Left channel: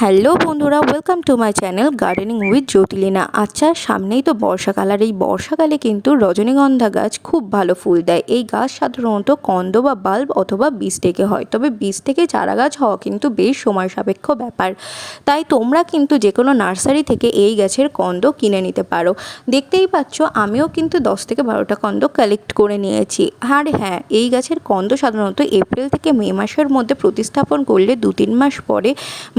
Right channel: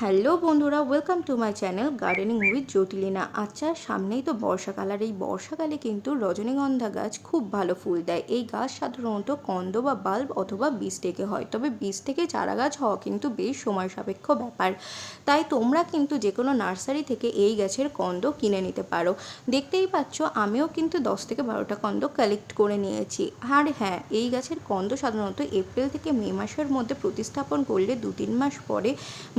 Hello বন্ধুরা, welcome to my channel gardening with Jyotilina. আচ্ছা, সামনেই তো বর্ষাকাল, আর এই বর্ষাকালে কিন্তু রজনীগন্ধা গাছ খুব ভালো ফুল দেয়। এই গাছ সাধারণত কন্দ বা বাল্ব অথবা বীজ থেকে হয়, তবে বীজ থেকে চারা গাছ হওয়া কিন্তু বেশ সময় সাপেক্ষ ব্যাপার। তাই তোমরা কিন্তু যে কোনো নার্সারি থেকে এই গাছের কন্দ কিনে নিতে পারো। দেখতেই পাচ্ছ, আমিও কিন্তু 10 থেকে 12টা কন্দ কালেক্ট করে নিয়েছি। আর হ্যাঁ, এই গাছের কন্দ সাধারণত এপ্রিল থেকে মে মাসের মধ্যে প্রতিস্থাপন করলে 2-3 মাস পরে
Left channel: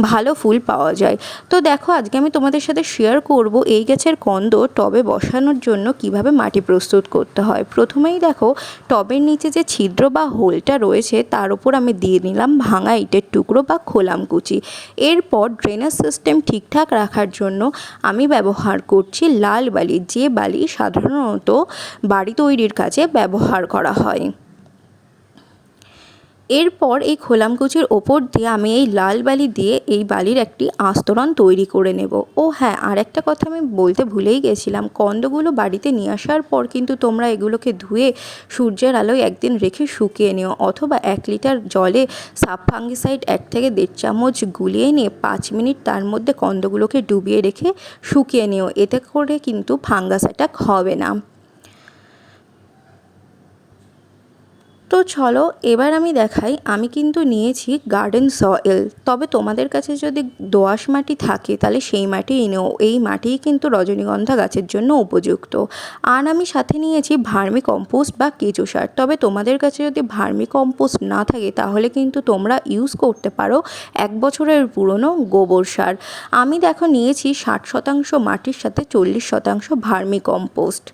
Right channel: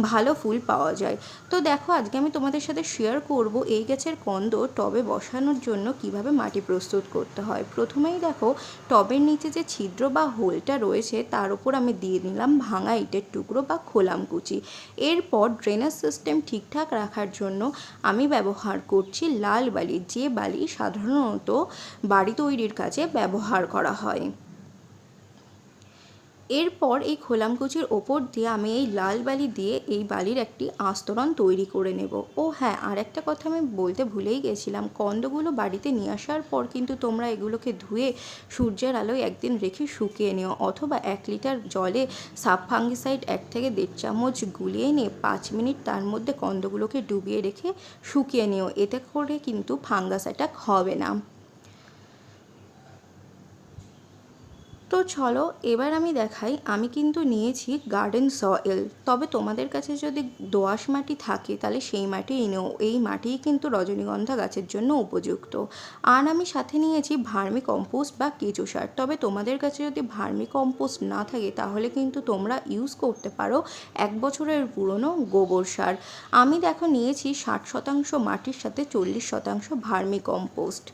ভালো ফুল পাওয়া যায়। তো দেখো, আজকে আমি তোমাদের সাথে শেয়ার করব এই গাছের কন্দ টবে বসানোর জন্য কিভাবে মাটি প্রস্তুত করতে হয়। প্রথমেই দেখো, টবের নিচে যে ছিদ্র বা হোলটা রয়েছে তার উপর আমি দিয়ে নিলাম ভাঙা ইটের টুকরো বা খোলামকুচি। এরপর ড্রেনেজ সিস্টেম ঠিকঠাক রাখার জন্য আমি ব্যবহার করছি লাল বালি, যে বালি সাধারণত বাড়ি তৈরির কাজে ব্যবহার করা হয়। এরপর এই খোলামকুচির ওপর দিয়ে আমি এই লাল বালি দিয়ে এই বালির একটি আস্তরণ তৈরি করে নেব। ও হ্যাঁ, আর একটা কথা আমি বলতে ভুলেই গেছিলাম, কন্দগুলো বাড়িতে নিয়ে আসার পর কিন্তু তোমরা এগুলোকে ধুয়ে সূর্যের আলোয় একদিন রেখে শুকিয়ে নিও, অথবা 1 লিটার জলে সাব ফাঙ্গিসাইড 1 থেকে 1.5 চামচ গুলিয়ে নিয়ে 5 মিনিট তার মধ্যে কন্দগুলোকে ডুবিয়ে রেখে শুকিয়ে নিও। এতে করে কিন্তু ফাঙ্গাস অ্যাটাক হবে না। তো চলো, এবার আমি দেখাই। আমি কিন্তু নিয়েছি গার্ডেন সয়েল, তবে তোমাদের কাছে যদি দোআঁশ মাটি থাকে তাহলে সেই মাটিই নেও। এই মাটিই কিন্তু রজনীগন্ধা গাছের জন্য উপযুক্ত। আর আমি সাথে নিয়েছি ভার্মি কম্পোস্ট বা কেঁচো সার, তবে তোমাদের কাছে যদি ভার্মি কম্পোস্ট না থাকে তাহলে কিন্তু তোমরা ইউজ করতে পারো 1 বছরের পুরনো গোবর সার। আমি দেখো নিয়েছি 60% মাটির সাথে 40% ভার্মি কম্পোস্ট।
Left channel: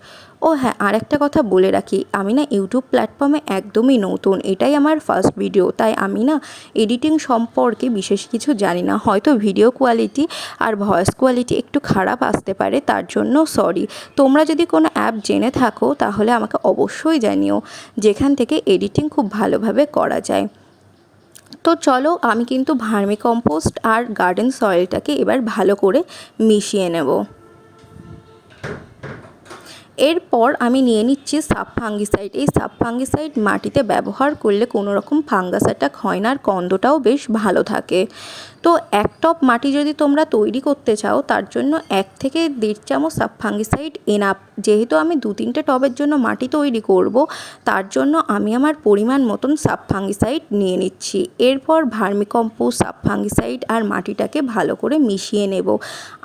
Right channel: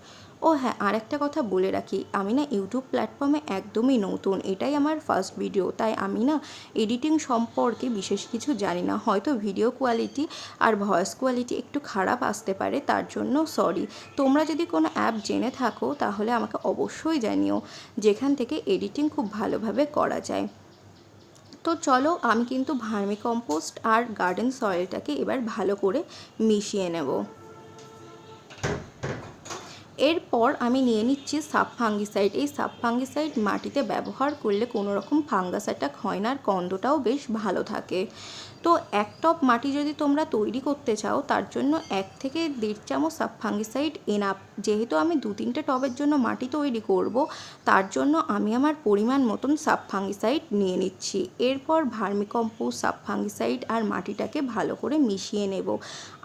ও হ্যাঁ, আর একটা কথা বলে রাখি, আমি না ইউটিউব প্ল্যাটফর্মে একদমই নতুন, এটাই আমার ফার্স্ট ভিডিও, তাই আমি না এডিটিং সম্পর্কে বিশেষ কিছু জানি না। হয়তো ভিডিও কোয়ালিটি আর ভয়েস কোয়ালিটি একটু খারাপ আসতে পারে, তার জন্য সরি। তোমরা যদি কোনো অ্যাপ জেনে থাকো তাহলে আমাকে অবশ্যই জানিও, যেখান থেকে এডিটিং খুব ভালোভাবে করা যায়। তো চলো, আমি কিন্তু ভার্মি কম্পোস্ট আর গার্ডেন সয়েলটাকে এবার ভালো করে মিশিয়ে নেব। এরপর আমি নিয়ে নিচ্ছি সাব ফাঙ্গিসাইড। এই সাব ফাঙ্গিসাইড মাটিতে ব্যবহার করলে কোনো রকম ফাঙ্গাস অ্যাটাক হয় না, আর কন্দটাও বেশ ভালো থাকে। তো 1 টব মাটি যদি তোমরা তৈরি করতে চাও তার জন্য 1 থেকে 1.5 চামচ সাব ফাঙ্গিসাইড এনাফ। যেহেতু আমি 2-3টে টবের জন্য মাটি তৈরি করব, তার জন্য আমি আমার পরিমাণ মতন সাব ফাঙ্গিসাইড নিয়ে নিচ্ছি। এরপর ভার্মিকম্পোস্ট, সাব ফাঙ্গিসাইড আর মাটিটাকে ভালো করে মিশিয়ে নেব।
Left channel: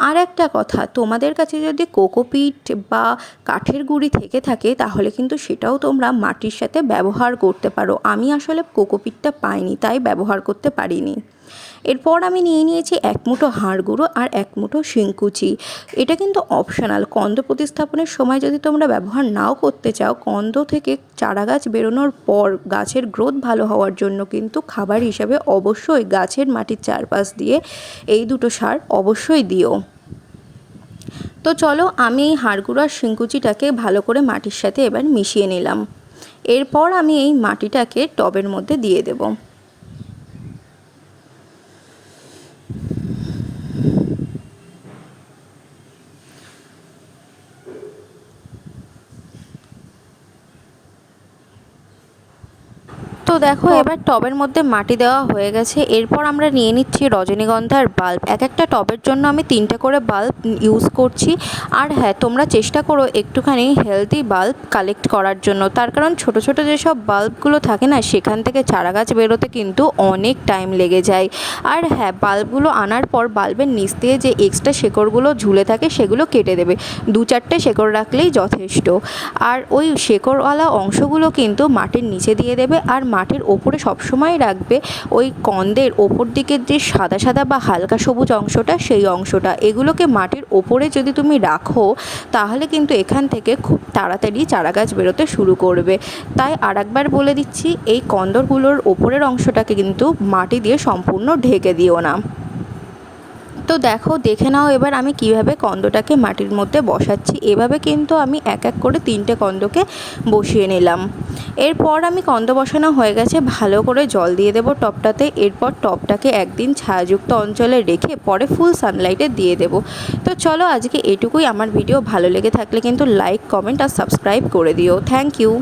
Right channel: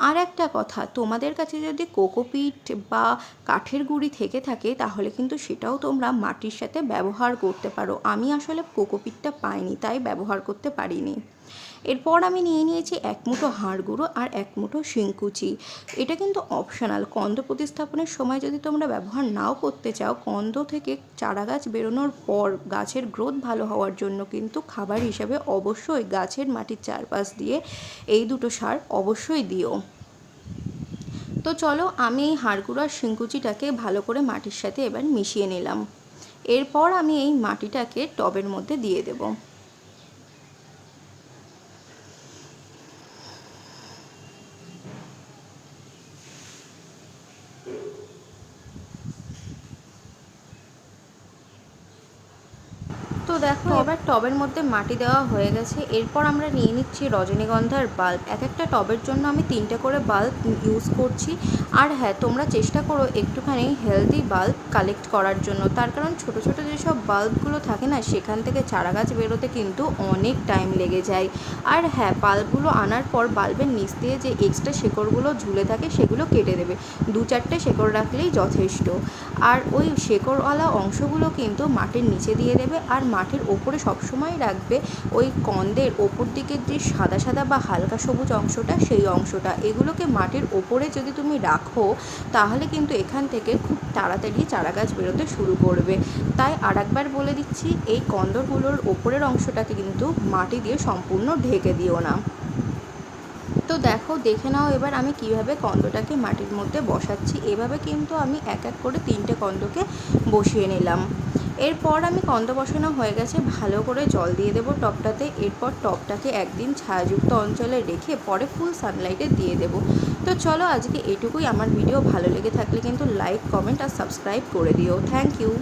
আর একটা কথা, তোমাদের কাছে যদি কোকোপিট বা কাঠের গুঁড়ি থেকে থাকে তাহলে কিন্তু সেটাও তোমরা মাটির সাথে ব্যবহার করতে পারো। আমি আসলে কোকোপিটটা পাইনি, তাই ব্যবহার করতে পারিনি। এরপর আমি নিয়ে নিয়েছি 1 মুঠো হাড় গুঁড়ো আর 1 মুঠো শিংকুচি। এটা কিন্তু অপশনাল। কন্দ প্রতিস্থাপনের সময় যদি তোমরা ব্যবহার নাও করতে চাও, কন্দ থেকে চারা গাছ বেরোনোর পর গাছের গ্রোথ ভালো হওয়ার জন্য কিন্তু খাবার হিসাবে অবশ্যই গাছের মাটির চারপাশ দিয়ে এই দুটো সার অবশ্যই দিও। তো চলো, আমি এই হাড় গুঁড়ো আর শিংকুচিটাকে ভালো করে মাটির সাথে এবার মিশিয়ে নিলাম। এরপর আমি এই মাটিটাকে টবের মধ্যে দিয়ে দেবো। তো দেখো, এবার টবের মধ্যে মাটি দেওয়া হয়ে গেছে। এরপর আমরা নিয়ে নিচ্ছি রজনীগন্ধার বাল্ব। এক একটা টবের জন্য আমি 3টে করে বাল্ব ইউজ করছি। আর হ্যাঁ, তোমরা চেষ্টা করো একটুখানি হেলদি বাল্ব কালেক্ট করার জন্য, তার কারণ ছোট ছোট যেসব বাল্বগুলো থাকে না, সেখান থেকে চারা গাছ বেরোতে কিন্তু অনেক টাইম লেগে যায়। আর হ্যাঁ, বাল্বগুলো আনার পর বাল্বের নিচ দিয়ে যে এক্সট্রা শেকড়গুলো ঝুলে থাকে সেগুলো কেটে দেবে। 2-4টে শেকড় রাখলেই যথেষ্ট। আর ওই শেকড়ওয়ালা অংশগুলো কিন্তু মাটির নিচে দিয়ে দেবে, আর মাটির ওপরে সবসময় রাখবে ওই কন্দের ওপর দিকের যে সাদা সাদা বা হালকা সবুজ অংশটা, সেই অংশটা। এগুলোকে মাটির ওপরে যদি তুমি রাখো তাহলে কিন্তু এখান থেকে খুব তাড়াতাড়ি চারা গাছ বেরোতে শুরু করবে। তাই আরেকবার বলে দিচ্ছি, এই কন্দরগুলোর ওপরের অংশটাকে কিন্তু মাটি দিয়ে সম্পূর্ণ ঢেকে দিও না। তো দেখো, দেখে নাও এবার আমি কিভাবে কন্দটাকে মাটির মধ্যে বসাচ্ছি। এভাবে কিন্তু আমি এক এক করে 3টে কন্দকে বসিয়ে নিলাম। এরপর আমি কন্দ বসানো হয়ে গেছে, ভালো করে জল দিয়ে দেবো টবটাতে। এরপর টবটাকে একদিন ছায়াযুক্ত অঞ্চলে রেখে পরে ফুল সানলাইটে দিয়ে দেবো। তো চলো, আজকে এটুকুই। আমার ভিডিও ভালো লেগে থাকলে কিন্তু লাইক, কমেন্ট আর সাবস্ক্রাইব করে দিও। Thank you.